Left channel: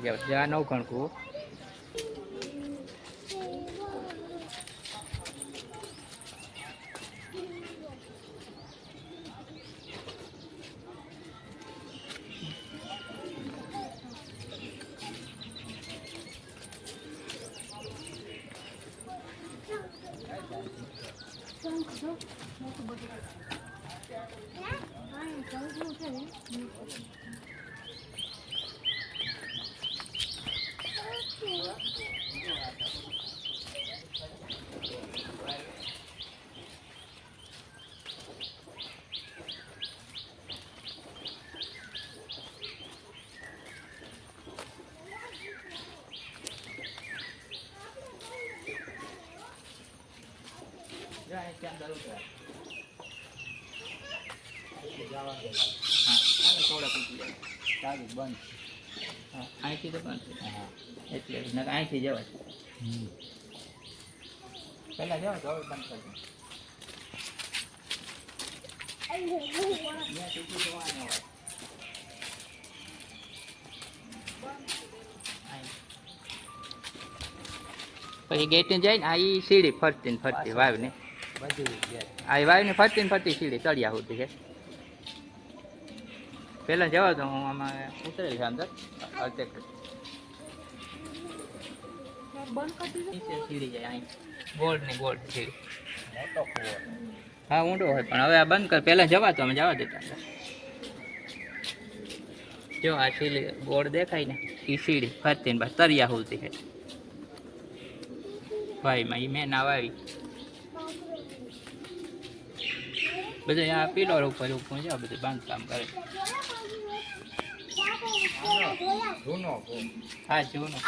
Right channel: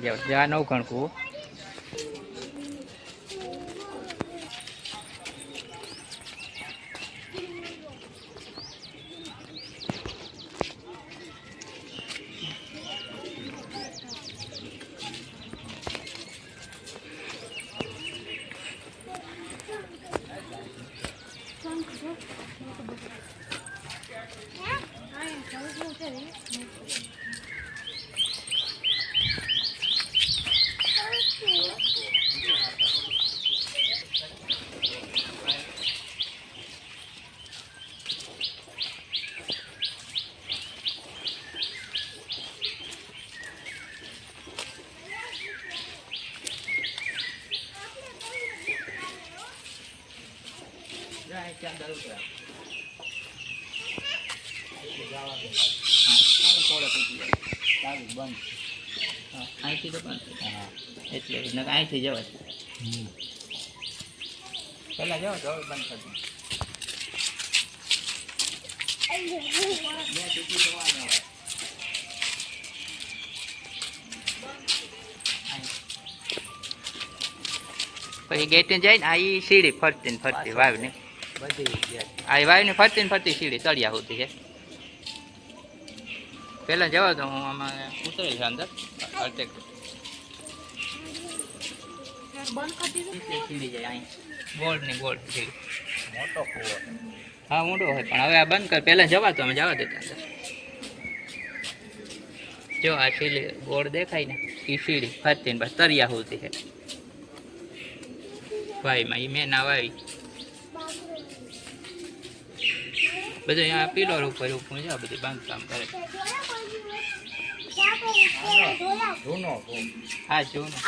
ચડી જાવ આ નવખણકું અહીંથી તો હા એટલે અહીંથી જવા પેલા જાઓ તો બંધ કરી પછી ગેટ જાય ને આ સીડી ફરતી ને ફરતી વાવ ને આ વાવ ને ફરતી સીડી તળિયા સુધી છે પેલા જવા તો હું આમાં ઉતરેલ છે અંદર સીડી જાય અહીં ગોલ્ડ ની ગોલ્ડ સીડી હા ઊંડો હોય પણ હવે આ બંધ કર પેલા જવા તો અમે જવા દેતા અંદર જો આ સીડી ગોળ દેખાય ને એ સીડી ફરતી ને બસ તળિયા સુધી છે ભાઈમાં એ મેં ના વાવી બધું આ પિલર ઉપર છે બધું બાંધકામ કરે હા જૂનો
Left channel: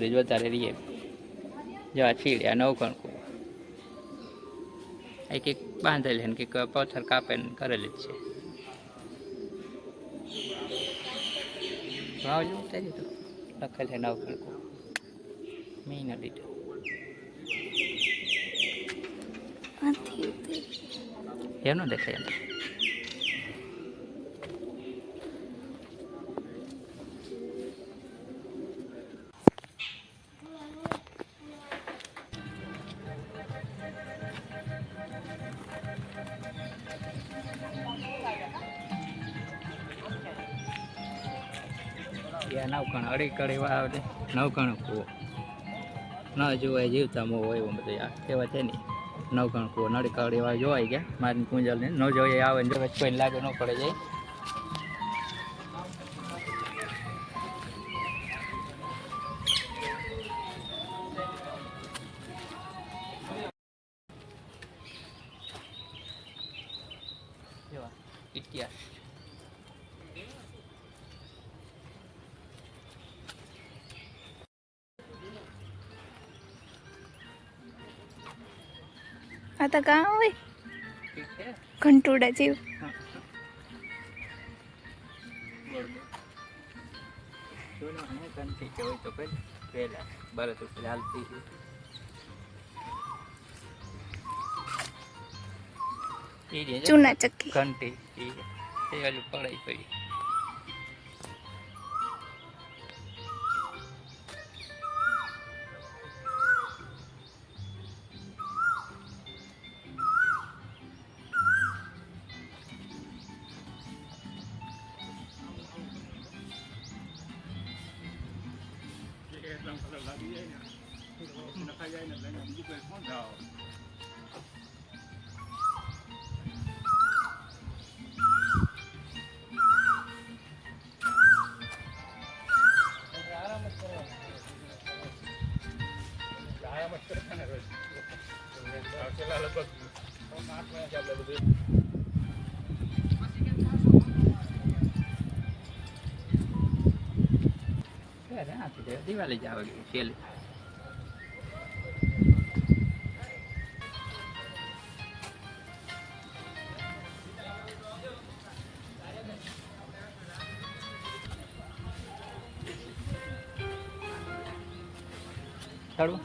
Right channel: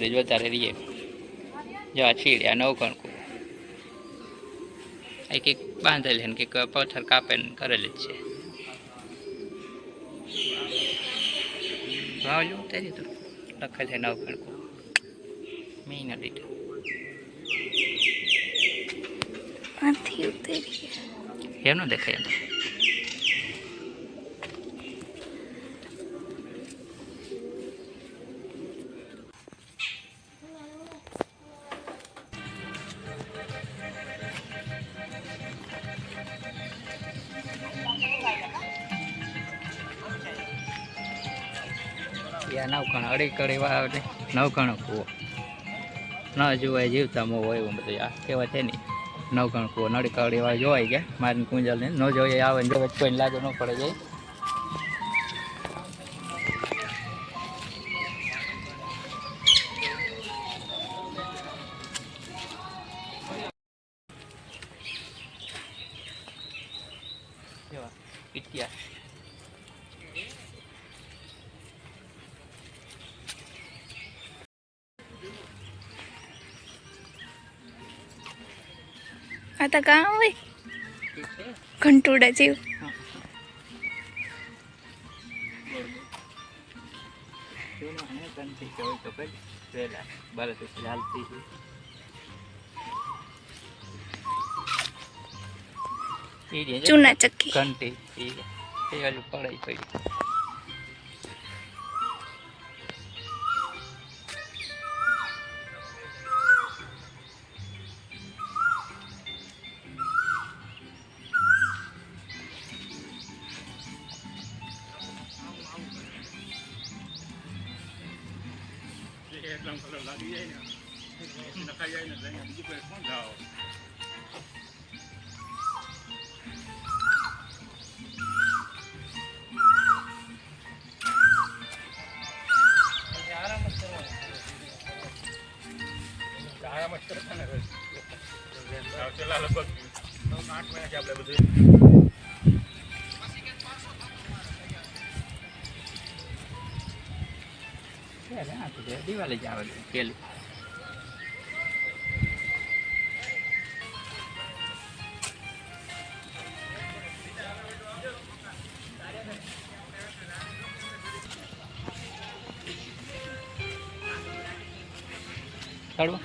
જોતા રહીએ જો આ છીડે આ નવખણકું આ કંઈક બાંધેલી ને કંઈક પથ્થર કાપે ને કરેલી જ છે ભાવ જો ઉતારી તો લખેલ છે નવખણકું મેં ન લીધું એમનો દેખાય અંદર નવખણ અડી કડી વાવ નવખણ કૂવો ન જોવાય જીવતા મો હોય એવું બધું આ કહેવાય છે ને નવખણ કૂવો નડી કડી વાવ જોવાય ગયા મારી કુંજલ ને ન જોઈએ આવે ને જો કોઈને લાગુ ન પડે જાય ઇતિહાસ आता कहाँ हुए घंटोड़ा जीव चूना चक्की घंटी पड़ाई पड़ी દિવાળી જ આવે કેલી ચાલો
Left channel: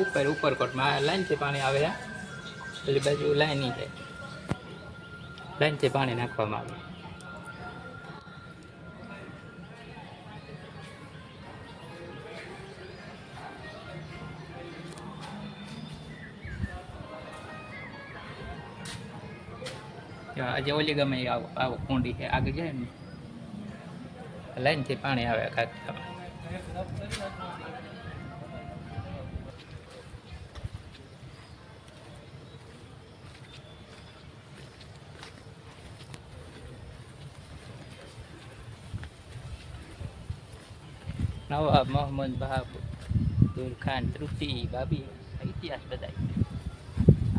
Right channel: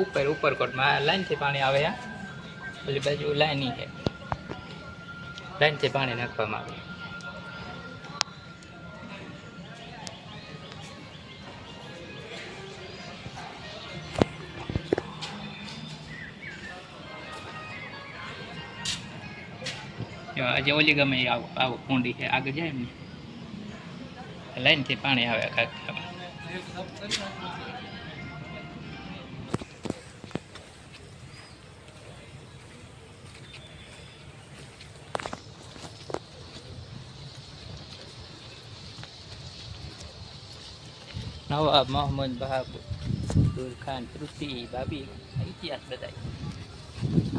ઉપરકોટમાં લાઈનથી પાણી આવે આ પેલી બાજુ લાઈન છે, લાઈનથી પાણી નાખવામાં આવે. આજે ઓલી ગમે આવો કુંડી છે આગળ જાય ને લાઈનથી પાણી આવે કાંઈક. નવાબ મોહમ્મદ બહાદુર ખાન તૃપ્તિ ભાભી ઇતિહાસ બધા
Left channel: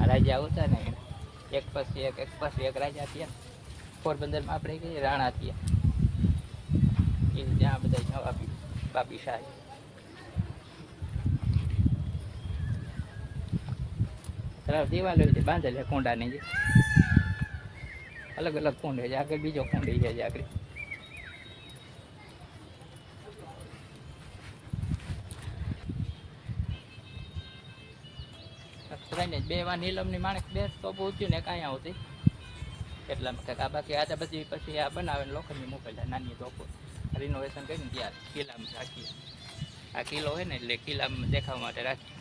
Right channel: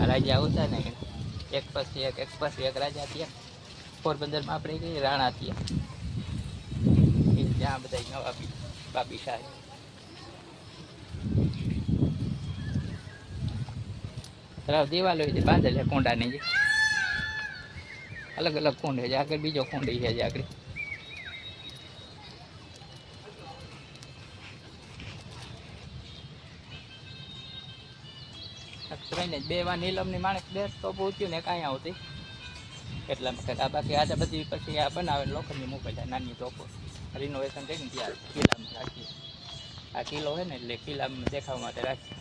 રાજા આવતા ને એક પછી એક રાજા થયા. પોરબંદરમાં આપણે કહીએ રાણા થયા એ ત્યાં બધા નવાબી બાબી શાહ. દિવાલો બાંધેલ કુંડાની જે અલગ અલગ કુંડ છે. આગળ બીજો કુંડ છે આગળ. બે વાર નીલમની માણસ બેસ તો પહોંચ્યું ને કાંઈ આવતી એટલા વખત. આ બાકી આ બધી પછી આ બનાવે લોખંડની મૂકેલા નાની તોપો રિનોવેશન કરીને ત્યાં કિલ્લામાં રાખીએ. આ કિલ્લો હોય ને એટલે કિલ્લામાં દેખાવા માટે રાખીએ.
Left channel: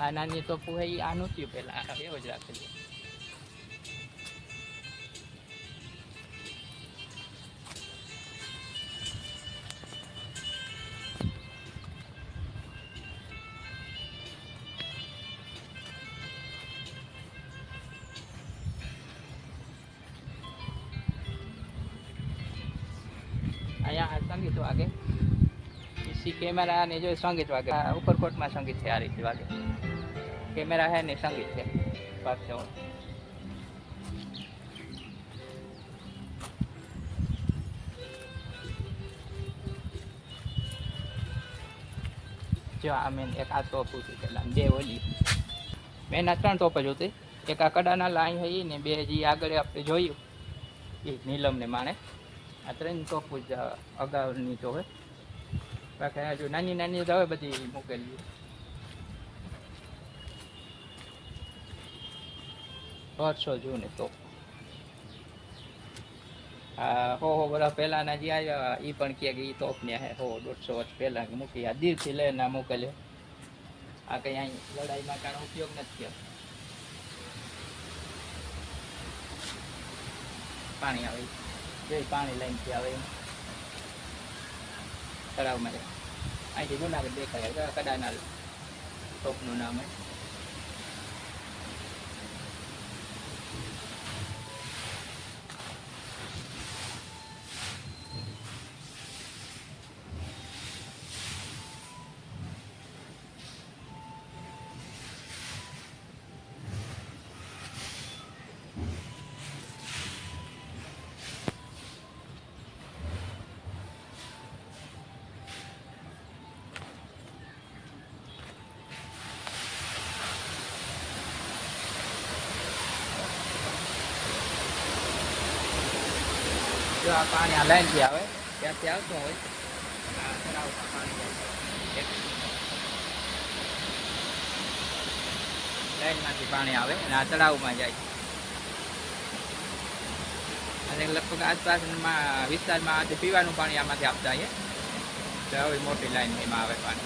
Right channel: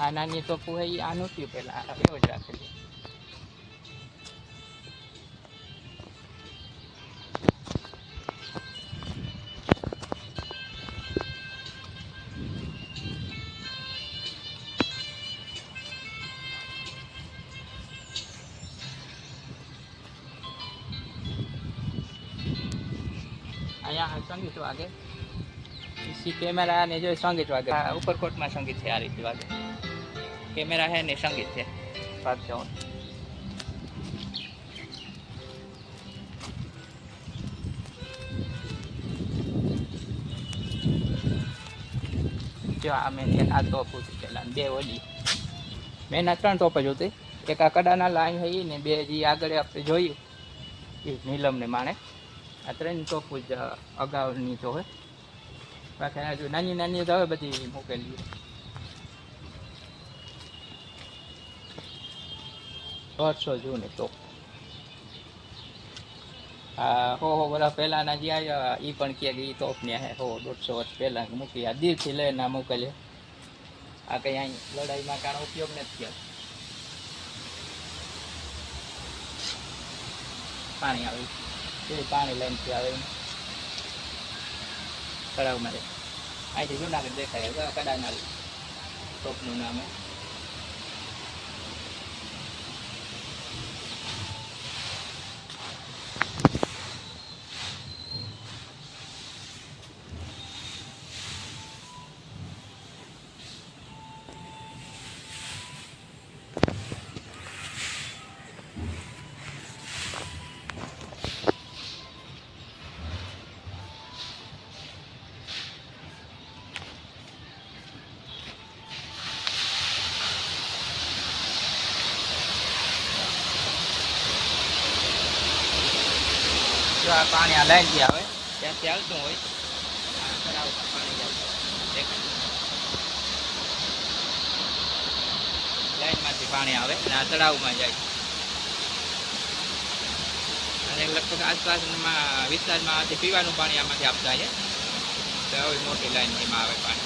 આ નાની તોપો હોય એ આ નહોતી પેલા એવો જ રાખેલું. અહીંયા સંગીત વાગે इसी कैमरा ने जो संगीत वागे ऊपरकोट में संगीत है आ रही वागे कैमरा है ने संगीत है पाछो जो आ मैंने आ तो पूछी चला बे ओली मैंने 3 टॉप જ હતી. એક આ કડાના લાઈન હોય ને બે જે આગળ આપણે જોયું એ નીલમ ને માણે આ 3 ટોપ જ અગાઉની તો હોય. બાકી જો નાની નાની તો હવે બધી મૂકેલી 100 જૂને ટોપ. હો વર્ષ પહેલાંના જે આવ્યા એ પણ કહે કે એ તોપને હે 100-150 વર્ષ પહેલાં મૂકી. આ દીરથી લઈને મોકલે. આ કંઈ અહીં લડાઈમાં કારણે ઉપયોગ નથી થયો. પાણી આવે એ પાણી લઈને આવે તળાવમાં અહીંથી જુનાગઢ દેખાય કડાના ટોપનું નામ. આ પાણી આ લાઈનથી આવે ત્યાંથી આવતું હોય તળાવમાં પાણી લાઈનમાંથી પાણી આવે અને આ તળાવમાં જાય. અને લગભગ આસપાસમાં વિસ્તારમાં આથી પીવાનું પાણી આમાંથી આપતા છે. તો હવે મોટી લાઈન એમાં આવે પાણી.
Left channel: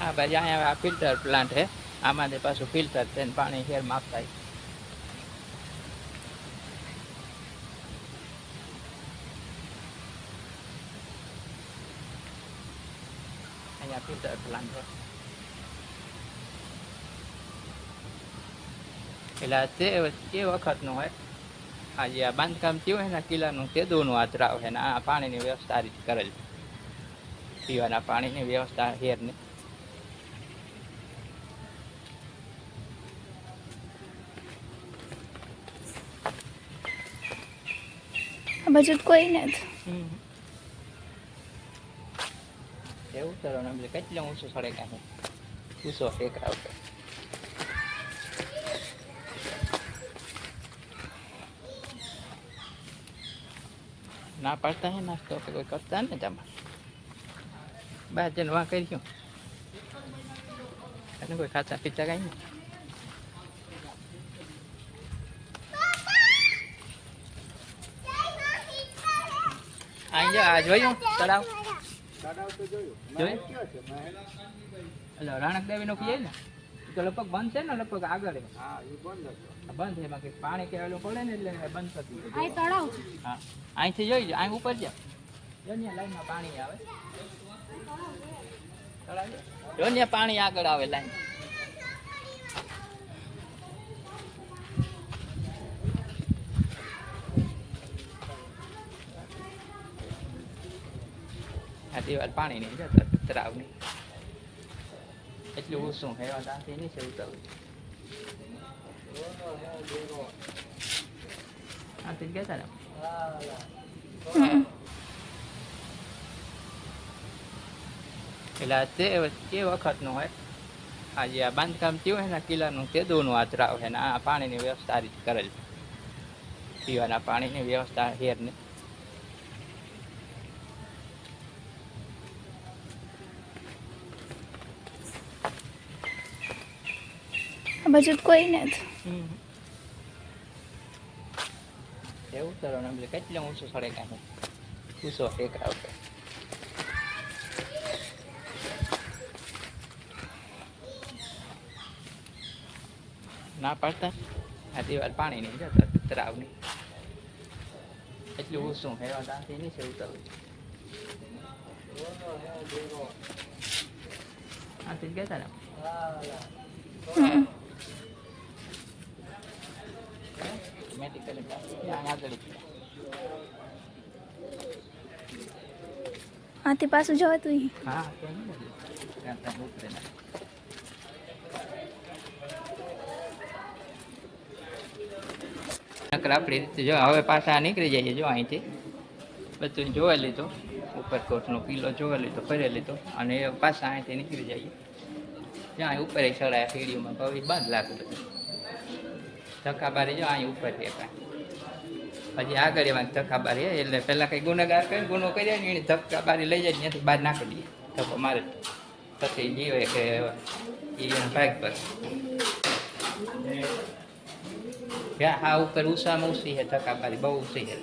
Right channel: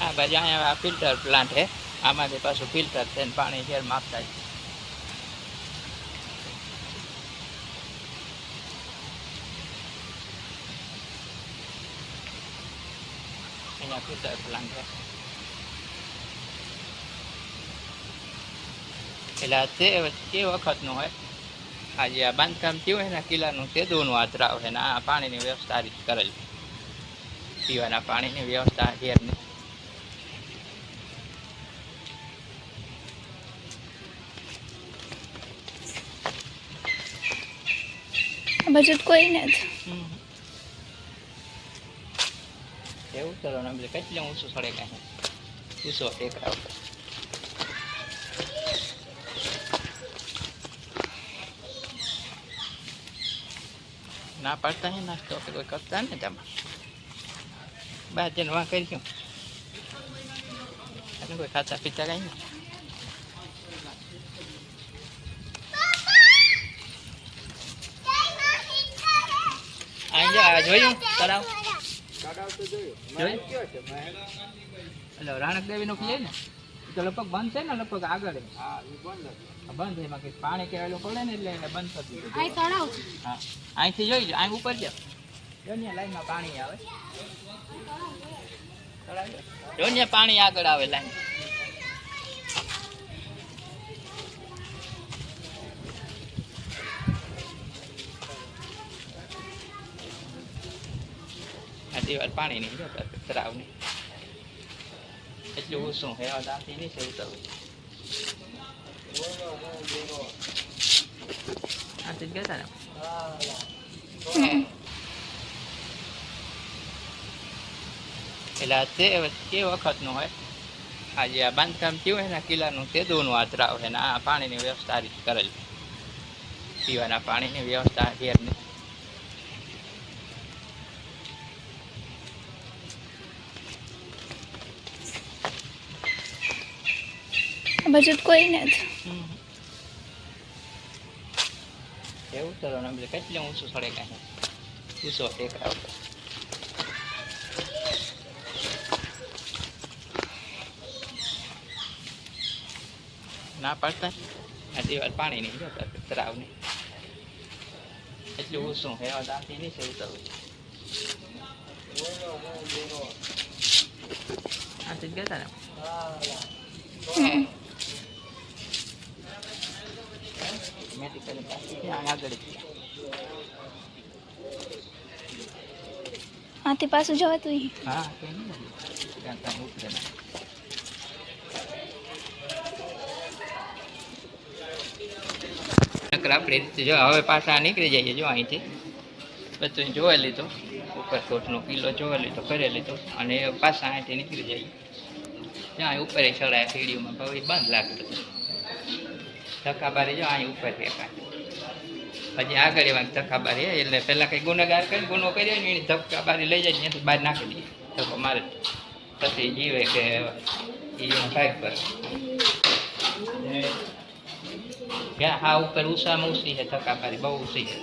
हाँ भाई यहाँ फिल्टर प्लांट है आमादे पास फिल्टर थे पानी हेर मागता है. અહીંયા ફ્યુચર પ્લાન છે. એટલે તે વખતનું હોય આજે આ બાંધકામ થયું હોય ને કિલ્લાનું તે દૂનું આતરાવ છે ને આ પાણીની વ્યવસ્થા આ રીતે કરેલ છે. પીવાના પાણીની વ્યવસ્થા હેરની આ બાજુ તો કોઈ નથી. એવું કરો ને કેટલું ઊંચું સડે કાંઈ ઊંચો ટેકરા ઉપર ના પાડતા હે નાસ્તો કે કોઈ કરતા ને તમે બહાર જઈને વાં કર્યું એટલે કોઈ ખાતા પીતા કાંઈ નહીં. આ જોયું તળાવ જોયું એટલે રાણક દેવી નો પીએ ને તો લગભગ બંધ છે ને લગભગ આગળ બંધ છે એમાં પાણી કહેલું પડે ને એટલે બંધ થતું. હા અહીંથી જોઈ લો અહીં ઉપર જાઓ જોને લાઈનમાં પાણી આવે જોને પાણી આગળ આવે લાઈન. આ દિવાલ પાણી નહીં જતો તળાવ નહીં એટલું ઊંચું હેવા દાંતી નહીં છે ઉતરવું. આથી જ ગયા ને એટલે તે વખતનું હોય આજે આ બાંધકામ થયું હોય ને કિલ્લાનું તે દૂનું આતરાવ છે ને આ પાણીની વ્યવસ્થા આ રીતે કરેલ છે. પીવાના પાણીની વ્યવસ્થા હેરની આ બાજુ તો કોઈ નથી. એવું કરો ને કેટલું ઊંચું સડે કાંઈ ઊંચો ટેકરા ઉપર ના પાડતા આ દિવાલ પાણી નહીં જતો તળાવ નહીં એટલું ઊંચું હેવા દાંતી નહીં છે ઉતરવું. આથી જ ગયા ને મેડિકલ આમ આગળ આથી પાછું જવાતું ઈ. હા તો ઉતરે ના આપણે જો હવે પાછા નીકળી જઈએ. જો અહીંથી બધું જોઈ લીધું ઉપરકોટનો કિલ્લો જોઈ લીધો કરી લીધો અને પાછા અહીંથી નીકળી જઈએ. જ્યાં ઉપર ચડાય સીડીઓમાં ભાઈ બંધ લાગે બધું ધક્કાબારી જો અહીં ઉપર છે કાંઈ હજી આગળ એમાં ધક્કાબારી એટલે પહેલાં કંઈ ગુનેગાર કરીને ગુનો કર્યો ને એની ધક્કાબારી લઈ જાય ત્યાંથી બહાર નાખી દઈએ ધક્કો મારે પછી જીવે કે એ ભાગ પર હા ઉપર ઉષામાં ઊંચી છે ધક્કાબારી બહુ ઊંચી છે.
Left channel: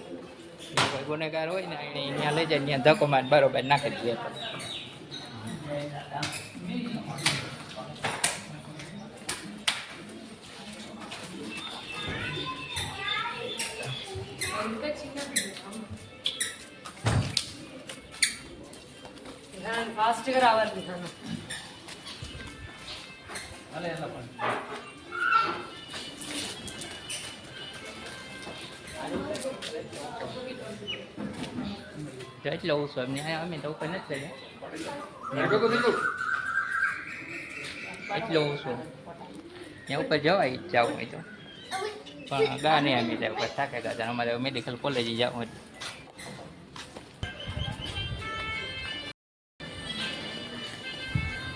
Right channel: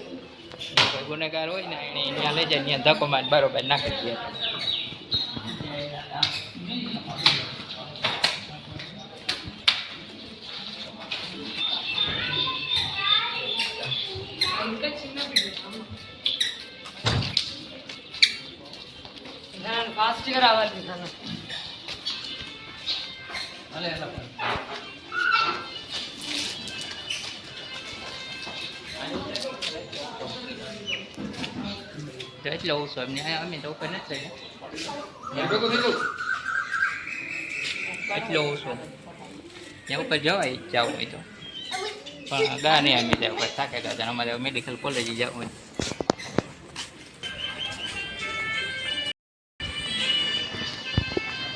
કોઈ ગુનેગાર હોય ને એને ત્યાં લઈ જાય ત્યાં ધક્કો મારી બરોબર નાખી દઈએ. फास्ट करावा दिखाना એટલો ઓછો એમને અમે તો ઉપર નથી એટલો ઓછો ત્યાં ઉપર જવાય જવું હોય તો પણ ગા નહીં અમે જાય ઉપર થાકે ગયા અમારે મેડિકલ કોલેજ જવું હોય.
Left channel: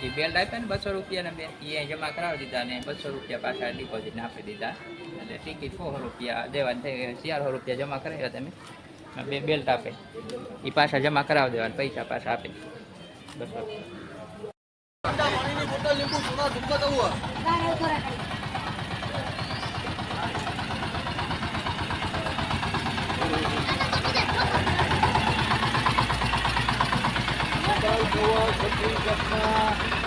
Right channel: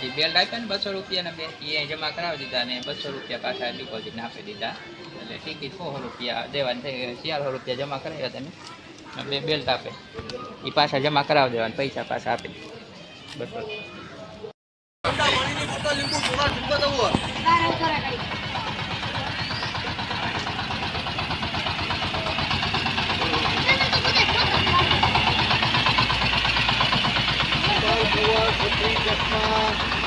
એ બેલ્ટ આપ્યા ને 200 રૂપિયાના બે એ જમા કરાવી દીધા ને 200 રૂપિયા પાછા ડિપોઝિટ આપી દીધા એટલે ટિકિટ 400 રૂપિયા દેવાના થઈ 400 રૂપિયા જમા કરાવ્યા તમે બે બેલ્ટ આપે એ પાછા જમા કરાવી દેવાના પૈસા પાછા આપે બસ. Chhattisgarh